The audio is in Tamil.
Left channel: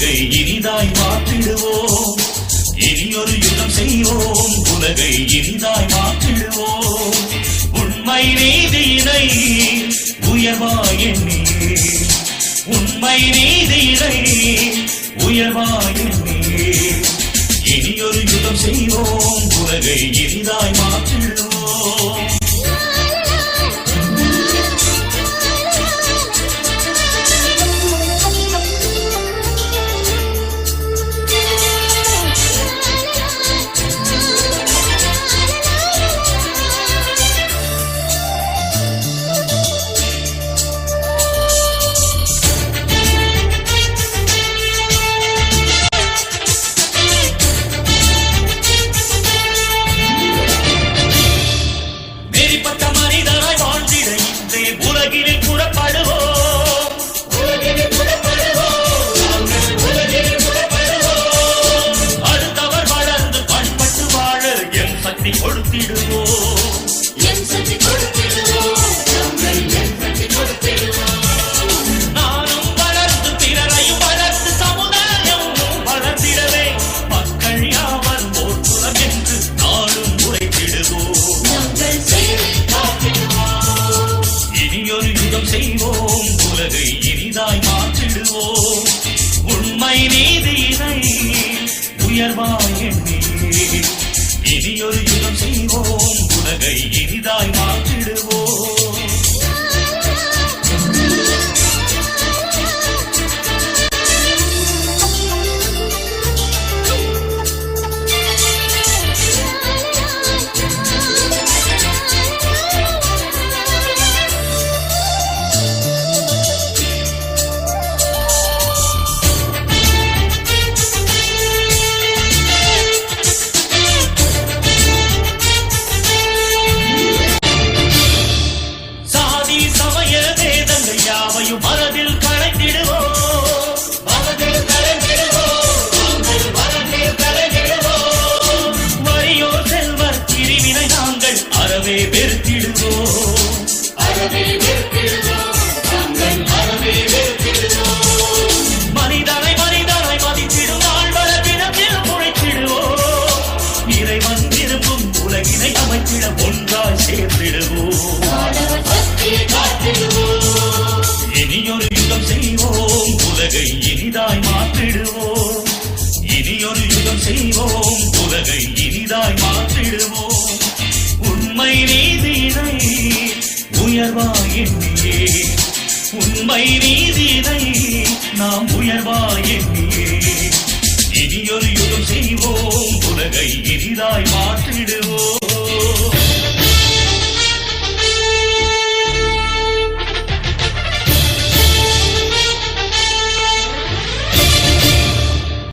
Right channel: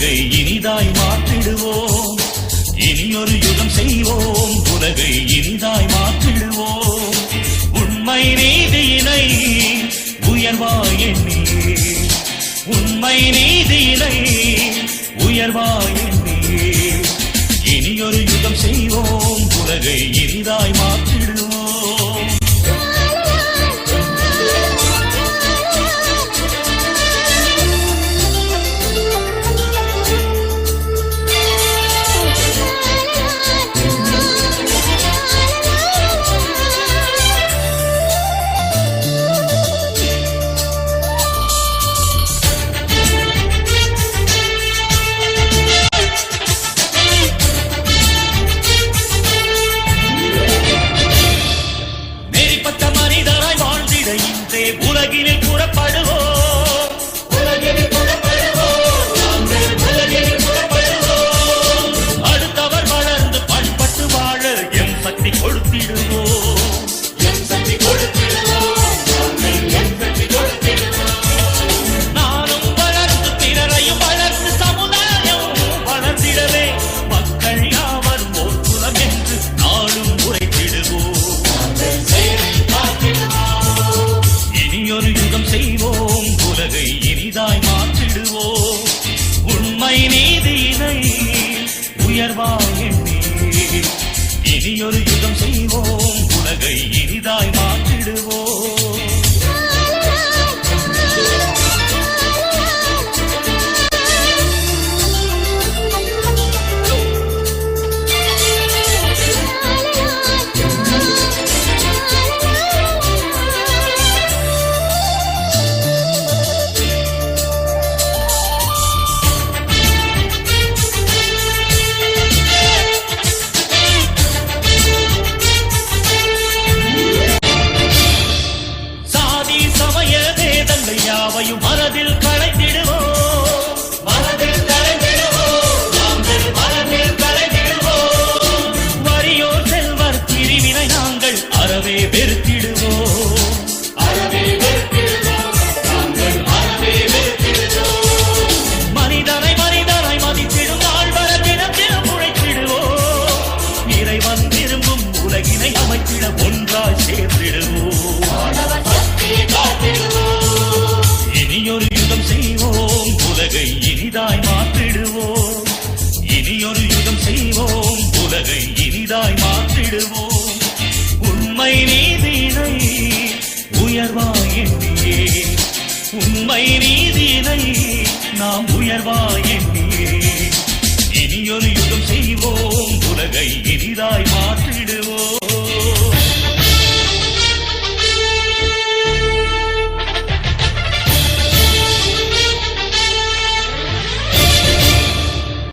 உலகை இனிதாய் மாற்றிடுவோம். இனியொரு யுகம் செய்வோம். உலகை இனிதாய் மாற்றிடுவோம். உண்மை நீதியினை உயர்வாய் உண்மை நீதியினை உயர்வாய் எண்ணியே இனியொரு யுகம் செய்வோம். உலகை இனிதாய் மாற்றிடுவோம். Tamarindo. செய்வோம். உலகை இனிதாய் மாற்றிடுவோம். உண்மை நீதியினை உயர்வாய் எண்ணியே. இனியொரு யுகம் செய்வோம். உலகை இனிதாய் மாற்றிடுவோம். வேதங்கள் யாவையும் மனதில் இனிதாய் மாற்றிடுவோம். இனியொரு யுகம் செய்வோம். உலகை இனிதாய் மாற்றிடுவோம். உண்மை நீதியினை உயர்வாய் உண்மை நீதியினை நாம் உயர்வாய் இனியொரு யுகம் செய்வோம். உலகை